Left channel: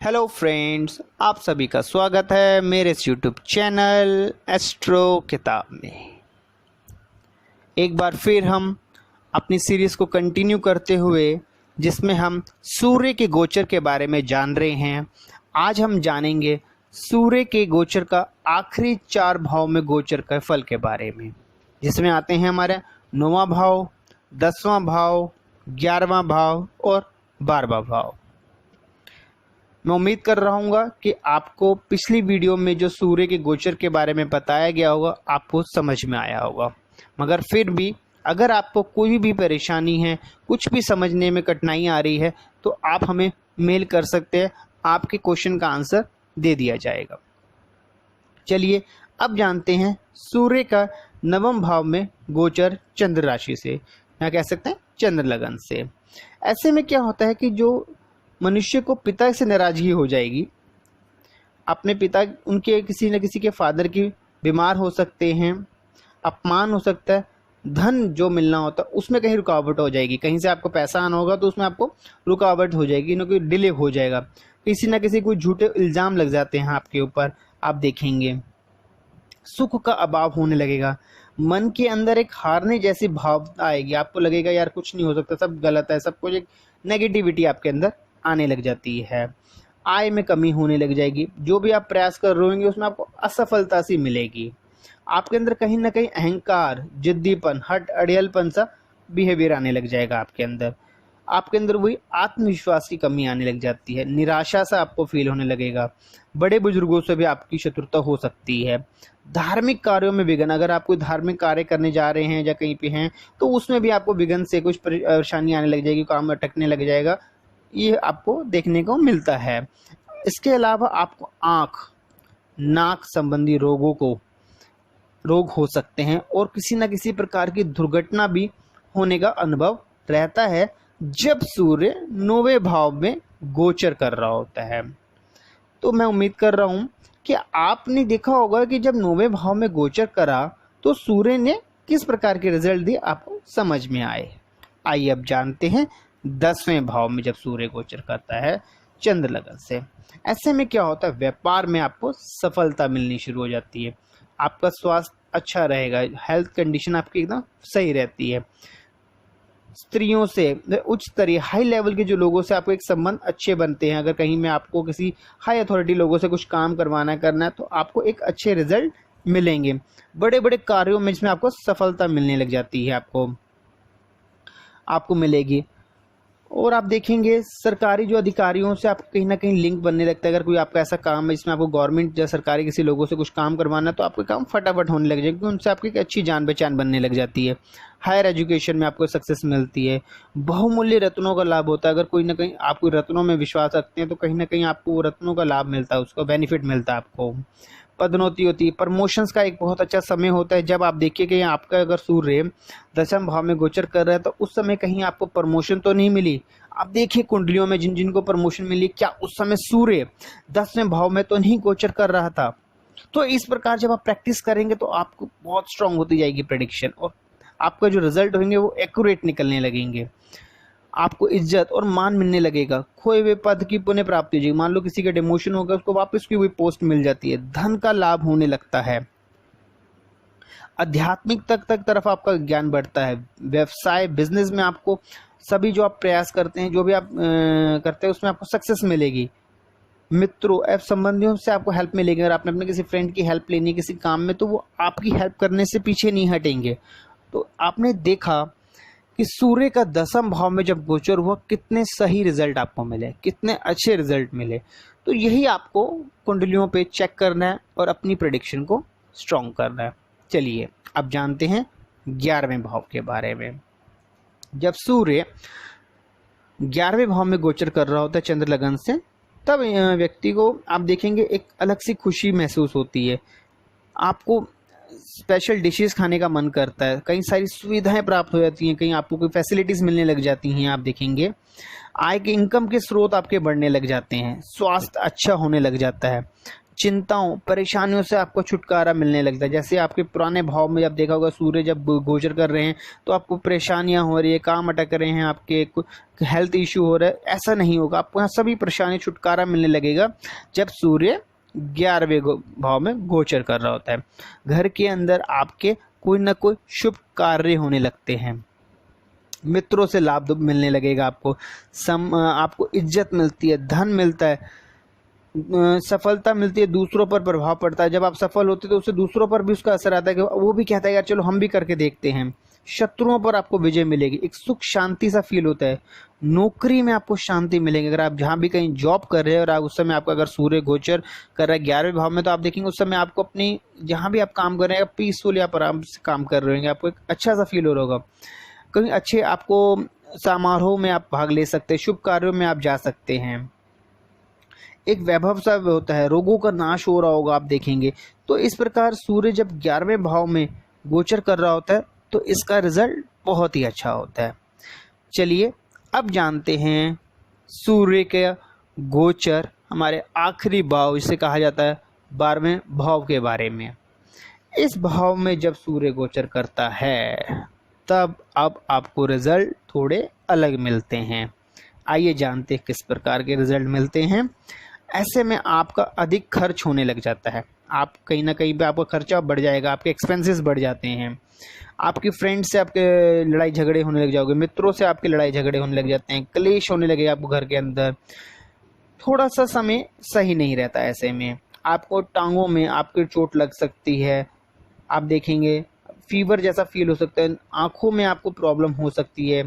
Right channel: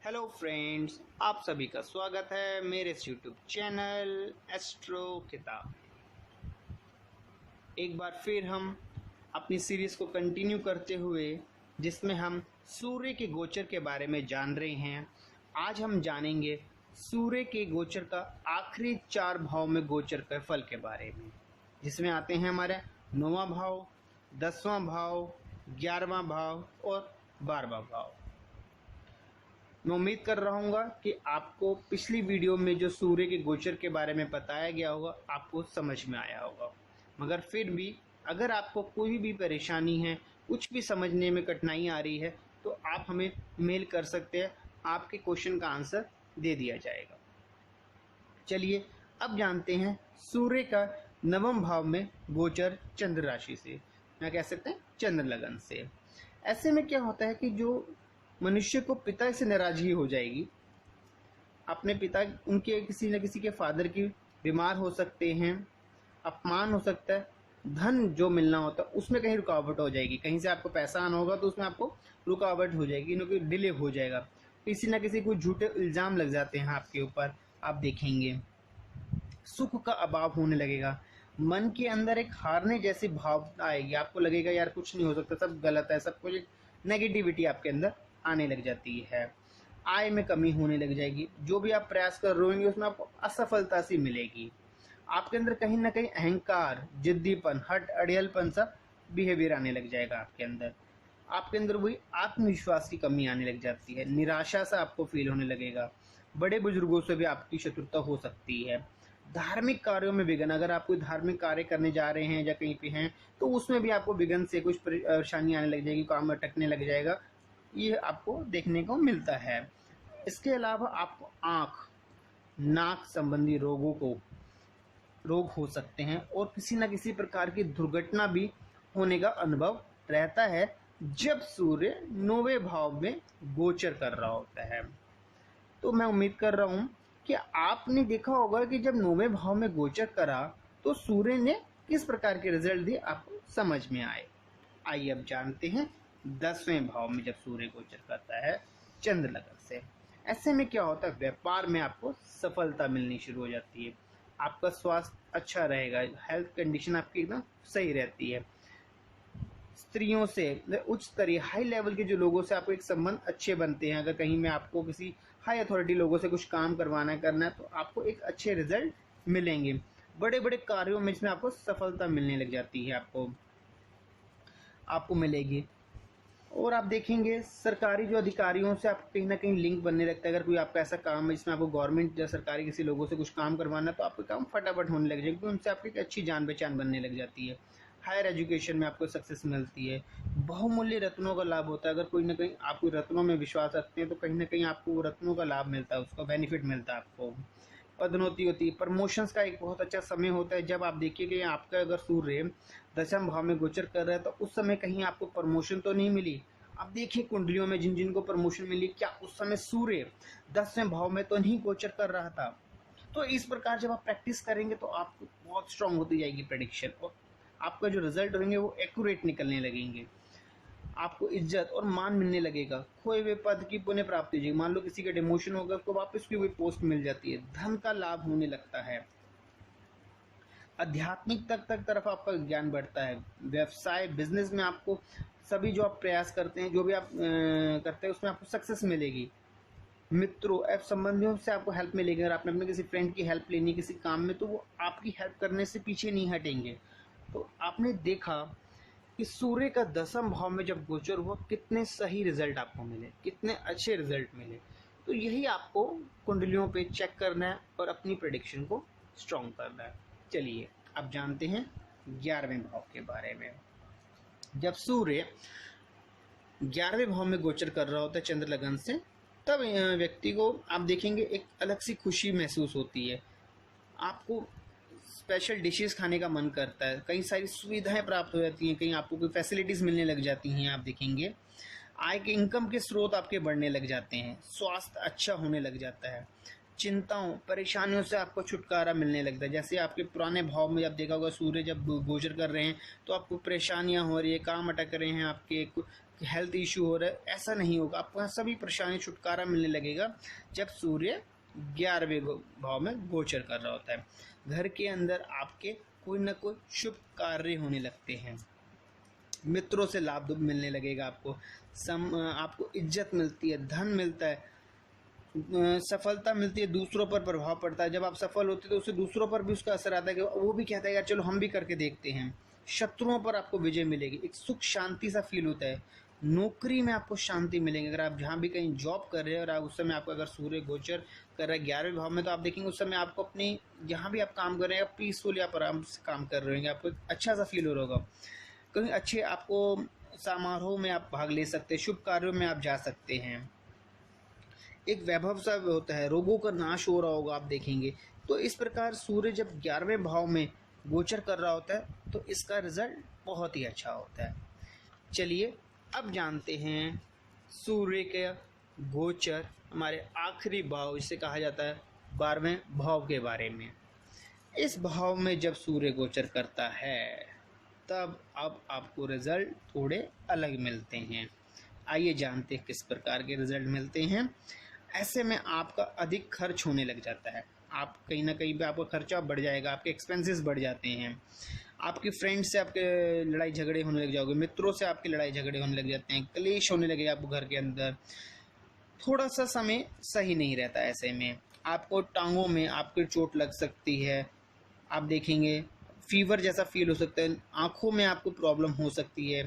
Hello friends, आप सभी का स्वागत है मेरे इस यूट्यूब चैनल एस्ट्रो किताब में। एक बार फिर हम अपनी सीरीज़ को कंटिन्यू करते हुए जिसमें हम सूर्य के गोचर के बारे में जान रहे हैं। आज हम जानेंगे सूर्य के गोचर का आखिरी 4 भाव में गोचर के फल के बारे में, जिसमें आते हैं हमारे 9वां भाव, 10वां भाव, 11वां भाव और 12वां भाव। मैं उम्मीद कर रहा हूँ कि आपको पिछली वीडियो में जो सूर्य के गोचर के बारे में बताया गया होगा आपको समझ में आया होगा। मगर फिर भी अगर आपको कोई भी परेशानी है, कुछ भी समझने में कठिनाई आ रही है, तो आप हमें मेल कर सकते हैं, आपके क्वेश्चन का आंसर दे दिया जाएगा। चलिए अब जानते हैं सूर्य का 9वें भाव में गोचर चंद्र राशि से, या कह सकते हैं चंद्र लगन से। ऐसे में क्या होता है कि जो मनुष्य को पिता से नाराजगी हो जाएगी, अपने पिता, उनके किसी न किसी के फादर की बीमार हो सकते हैं, अपमान हो सकता है, धन जो मिलना होता है उसमें कहीं रुकावट हो जाएगी, कहीं से आपको पैसा आना होगा तो उसमें आपको रुकावट हो जाएगी, न कोई डिले हो जाएगा, किसी न किसी कोई झूठे इल्ज़ाम लग जाते हैं आपके ऊपर। आप देखेंगे सुख का अभाव होने लगेगा, मन के अंदर एक हारने जैसी भाव आएगी, आपको लगेगा यार कुछ नहीं हो सकता, सब गलत है, सब कुछ, एक नेगेटिविटी आपके अंदर आने लग जाती है। आय में कमी होने लग जाएगी, जो भी आप प्रयास कर रहे होंगे उसमें आपको असफलता सी मिलेगी। आपके अंदर कहीं ना कहीं अहंकार, जिद्दीपन, हट अड़ियलपन सा बिहेवियर आने लग जाएगा आपके अंदर। आपके अंदर वही आत्मविश्वास की कमी आने लग जाती है, निराशा सा आपको फील होने लगेगा। बड़े बुजुर्गों से भी आपकी शत्रुता हो सकती है। धार्मिक कार्यों में विघ्न, अगर आप कोई धार्मिक कार्य करने जा रहे हैं या कहीं पे हैं तो उसमें भी आपको विघ्न से कुछ परेशानी आने लग जाएगी, काम अटकने लग जाएगा, ये आपको देखने को मिलता है। इसके अलावा आपको आँख, नाक संबंधी रोग हो सकते हैं और किसी न किसी प्रकार की दुर्घटना भी होने का अनुभव रहता है जब सूर्य 9वें भाव में गोचर कर रहा होता है। तो मैं उम्मीद कर रहा हूँ कि आपने देखा होगा कि जब 9वें भाव में गोचर करा तो सूर्य ने किस प्रकार के रिजल्ट दिए आपको समझ में आए। आइए अब जानते हैं 10वें भाव में जब सूर्य गोचर करता है चंद्र लगन से। ऐसे में क्या होता है, व्यापार में आपको सफलता मिलनी शुरू हो जाती है, आपका स्वास्थ्य अच्छा रहेगा, हेल्थ कंडीशन आपकी एकदम सही रहती है। स्त्रियों से, उच्च स्तरीय हाई लेवल के जो लोगों से आपको एक संबंध अच्छे बनते हैं। अगर कहीं में आपको किसी हाई अथॉरिटी लोगों से कुछ काम करवाना करना है तो आपको एक अच्छे रिजल्ट मिलेंगे। बड़े बड़े कार्यों में जिसमें आपको सफलता मिलने लग जाती है, आपको मिलेगी। और आप देखेंगे सरकारी जो अधिकारियों से आपको कहीं ना कहीं लिंक बनने लगता है। अगर कोई आपका ऐसा काम है जिसमें आपको गवर्नमेंट या सरकारी किसी लोगों से कुछ काम करवाना है तो आपका काम फटाफट होने लग जाएगा, क्योंकि उनसे आपकी एक अच्छी जान पहचान बनने लग जाती है। हायर एजुकेशन में आपको सक्सेस मिलती है। बहुमूल्य रत्नों का लाभ होता है, अगर कोई ना कहीं आप कोई रत्नों में विश्वास रखते हैं तो कहीं ना कहीं आपको वो रत्नों का लाभ मिलता है, उसका बेनिफिट मिलता है आपको। पदोन्नति होती है, प्रमोशंस का एक बहुत अच्छा समय होता है। जब आप देखिए कि आपका अगर सूर्य 10वें भाव में गोचर कर रहा है तो उस समय कहीं आपको प्रमोशन तो नहीं मिली। आप देखिए कुंडलियों में जिन जिनको प्रमोशन मिली, क्या उस समय सूर्य 10वें भाव में तो नहीं गोचर कर रहा था। तो इस प्रकार जब आप प्रैक्टिस करेंगे तो आपको बहुत स्ट्रांग होती जाएगी प्रेडिक्शन, और आपका जो रिजल्ट होंगे वो एक्यूरेट निकलने लगेंगे। आपको इज्जत और मान मिलने लगेगा, खोए हुए पद की पुनः प्राप्ति हो जाएगी। मान लो किसी का डिमोशन होगा, उसको वापस की हुई पोस्ट मिल जाती है, धन का लाभ होने लगता है, आध्यात्मिक तक तरफ आपका ज्ञान बढ़ता है। व्यवसाय, बिजनेस में आपको सभी जो आप प्रयास करते हैं, जो भी आप करते हैं उसमें आपको सक्सेस मिलेगी। मित्रों एवं संबंधियों से आपको हेल्प मिलेगी। अगर आपने अपने किसी फ्रेंड की हेल्प लेनी किसी काम में तो वो आपकी हेल्प करने से पीछे नहीं हटेंगे। तो आपने देखा कि सूर्य का 10वां भाव में जब गोचर हुआ कितने सही रिजल्ट आपको मिले, कितने अच्छे रिजल्ट मिले। तो यही आपको कुंडलियों पे चेक करना है और अपनी प्रेडिक्शन को स्ट्रॉन्ग करना है। चलिए अब जानते हैं 11वें भाव के बारे में। जब सूर्य 11वें भाव में गोचर कर रहा होता है चंद्र लगन से, तब व्यक्ति को आप देखेंगे एक अलग सी खुशी महसूस होती है। आपको स्पेशल डिशेस खाने का मन करता है, कई सारी सुविधाएं प्राप्त हो जाती हैं, कहीं आपको कोई फैसिलिटीज़ मिलने लग जाती हैं। आप देखेंगे आय के, इनकम के स्रोत आपके बढ़ने लग जाते हैं, स्वास्थ्य अच्छा होने लग जाता है, चिंताओं परेशानियों से आपको छुटकारा मिलने लगता है। जैसे आपके पुराने भाव में जब देखा होगा सूर्य जब गोचर कर रहे हैं तो आपको परेशानियां हो रही है, काम अटक रहे हैं, आपके हेल्थ इशू हो रहा है, ऐसा नहीं होगा। आपको यहाँ सभी परेशानी छुटकारा मिलने लगेगा जब सूर्य 11वें भाव में गोचर कर रहा होता है। घर के अंदर आपके कोई ना कोई शुभ कार्य होने लगते हैं, मित्रों से लाभ मिलने लगेगा, आपको इज्जत मिलती है, धन मिलता है, सफलता मिलती है, दूसरों पर प्रभाव पड़ता है। जब आप सफल होते हैं तो उससे दूसरों पर भी उसका असर आता है कि वो भी कहता है यार चलो हम भी करके देखते हैं। शत्रुओं पर आपको विजय मिलेगी, एक सुख शांति सा फील होता है। नौकरी में आपको शांति मिलेगी। अगर आप जहाँ भी कहीं जॉब कर रहे हैं और आप उस समय आपका अगर सूर्य गोचर कर रहा है 11वें भाव में, तो आप देखेंगे उस समय आपको अपनी जहाँ भी आप काम कर रहे हैं पीसफुल आप आराम से काम कर रहे होंगे, आपको एक अच्छा सा फील हो रहा होगा। कहीं अच्छे आपको समारोह में आप भाग ले सकते हैं, शुभ कार्यों में आप जा सकते हैं, एक वैभव सा होता है, रोगों का नाश हो रहा होगा आप देखेंगे। तो इस प्रकार सूर्य जब 11वें भाव में गोचर कर रहा होता है तो इसका रिजल्ट बहुत ही अच्छा होता है। चलिए अब जानते हैं सूर्य के गोचर हमारे आखिरी भाव, इसे कहा जाता है 12वें भाव के बारे में। इस भाव में जब सूर्य गोचर करता है तब अब आपको रिजल्ट थोड़े अलग मिलते हैं। आइए जानते हैं किस प्रकार के रिजल्ट मिलते हैं। ऐसे में आपका अधिक खर्च होने लग जाता है, आप कहीं ना कहीं पे आपका खर्चा बढ़ जाएगा, आपके एक्सपेंसेस बढ़ जाते हैं, आपकी फ्रेंड से आपके लड़ाई झगड़े होने लग जाओगे, मित्रों से आपके लड़ाई झगड़े होने लग जाते हैं, क्लेश होने लगेगा आपको घर के अंदर। थोड़ा सा समय सही नहीं रहता, ऐसे में आपको टांगों में आपकी चोट लग सकती है, आप देखेंगे फीवर जैसा फील हो सकता है, आंखों में आपको प्रॉब्लम हो सकती है,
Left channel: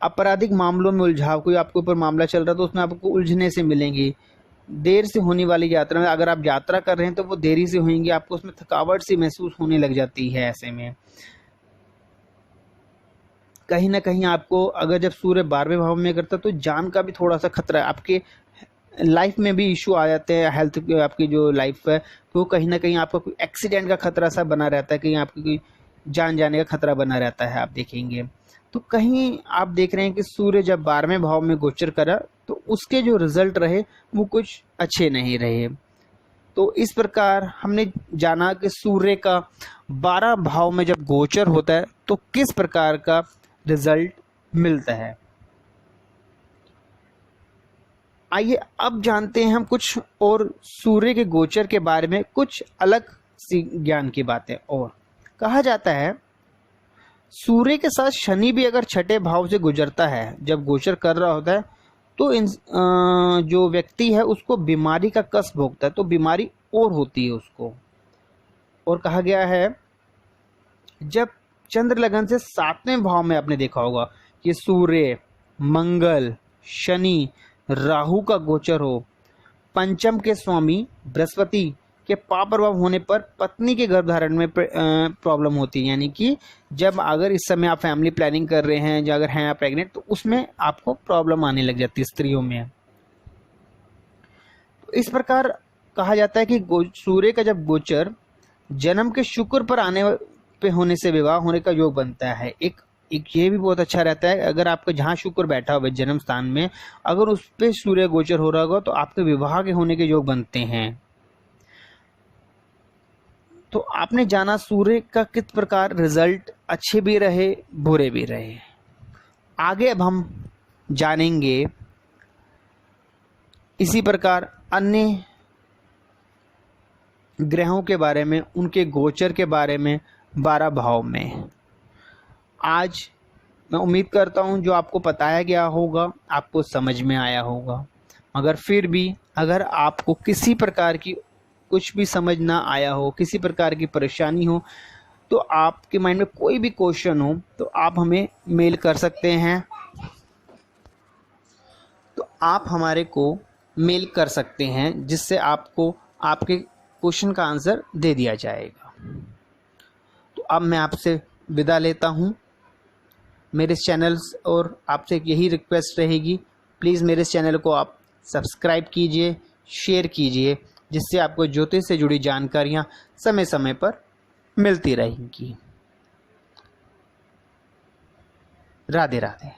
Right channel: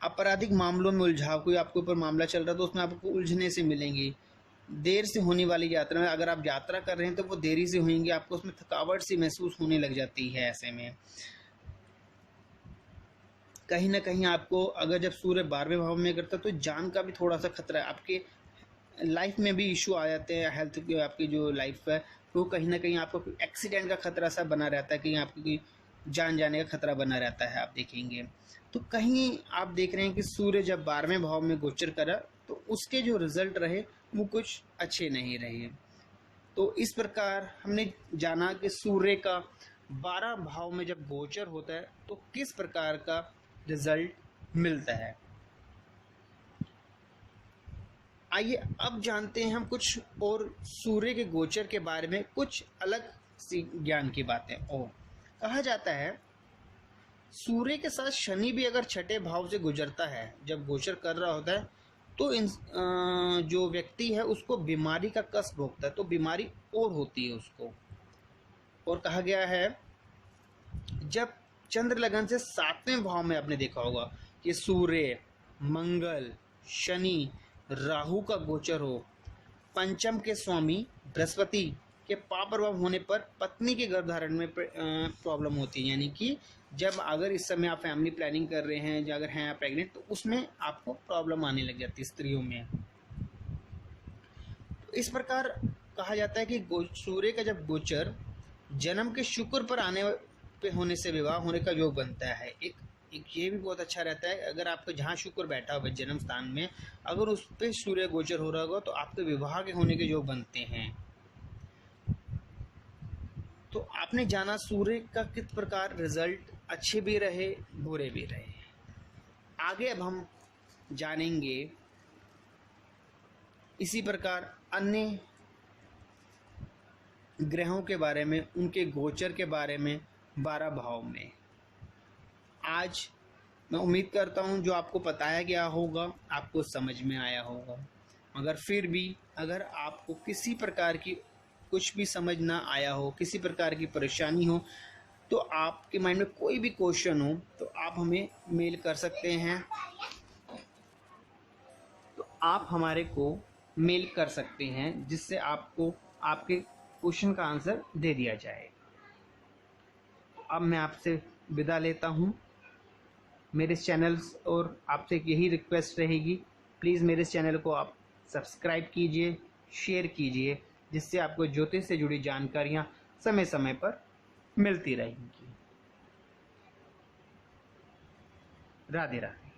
आपराधिक मामलों में उलझाव, कोई आपके ऊपर मामला चल रहा है तो उसमें आपको उलझने से मिलेंगी। देर से होने वाली यात्रा में अगर आप यात्रा कर रहे हैं तो वो देरी से होंगी, आपको उसमें थकावट सी महसूस होने लग जाती है। ऐसे में कहीं ना कहीं आपको अगर जब सूर्य 12वें भाव में करता है तो जान का भी थोड़ा सा खतरा है, आपके लाइफ में भी इशू आ जाते हैं, हेल्थ आपकी जो लाइफ है तो कहीं ना कहीं आपको कोई एक्सीडेंट का खतरा सा बना रहता है, कहीं आपकी कोई जान जाने का खतरा बना रहता है आप देखेंगे। तो कहीं आप देख रहे हैं कि सूर्य जब 12वें भाव में गोचर करा तो उसके जो रिजल्ट रहे वो कुछ अच्छे नहीं रहे। तो इस प्रकार हमने जाना कि सूर्य का 12 भाव में जब गोचर होता है तो किस प्रकार का रिजल्ट मिलता है। आइए अब जानते हैं हम कुछ और सूर्य के गोचर के बारे में कुछ अलग सी ज्ञान की बातें। और कहा जाता है सूर्य के साथ शनि भी अगर 6ठे भाव से गुजरता है, जब गोचर कर रहा होता है तो जो व्यक्ति है उसको बीमारी का कष्ट भोगता है, तो बीमारी और होती है उसको। और कहा गया है जब चंद्र लगन से 7वें भाव में आपने देखा होगा कि सूर्य, मंगल, शनि, राहु का गोचर हो, पंचम के स्वामी बृहस्पति के पाप प्रभाव होने पर पत्नी के गर्भधारण में प्रॉब्लम होती है। यानी कि जब अगर इस समय आप फैमिली प्लानिंग कर रहे हैं, जो अगर हैं आप प्रेग्नेंट, तो उसमें आपको प्रॉब्लम आने लग जाती है स्त्रियों में। तो इस प्रकार कहा जाता है कि सूर्य का जब गोचर जन्म के शुक्र पर आने पे होने से विवाह होने का योग बनता है। एक ये भी बहुत अच्छा रहता है, अगर आपका जहाँ शुक्र बैठा हुआ जन्म स्थान में अगर उस पर सूर्य गोचर हो रहा होगा तो आपके विवाह के होने के योग बनते हैं। तो आपने जाना सूर्य का किस प्रकार रिजल्ट अच्छे भी रहे बुरे भी रहे। आगे अब हम जानेंगे इसी प्रकार अन्य ग्रहों के बारे में, उनके गोचर के बारे में 12 भाव में। आज मैं उम्मीद करता हूं जो आपको बताया गया होगा आपको समझ में आया होगा। मगर फिर भी अगर आपको किसी प्रकार की कुछ भी समझ ना आया हो, किसी प्रकार की परेशानी हो, तो आपके माइंड में कोई भी क्वेश्चन हो तो आप हमें मेल कर सकते हैं, तो आप हमारे को मेल कर सकते हैं जिससे आपको आपके क्वेश्चन का आंसर दे दिया जाएगा। तो अब मैं आपसे विदा लेता हूँ मेरे चैनल, और आपसे यही रिक्वेस्ट रहेगी प्लीज़ मेरे चैनल को आप सब्सक्राइब कीजिए, शेयर कीजिए, जिससे आपको ज्योतिष से जुड़ी जानकारियाँ समय समय पर मिलती रहेंगी। राधे राधे।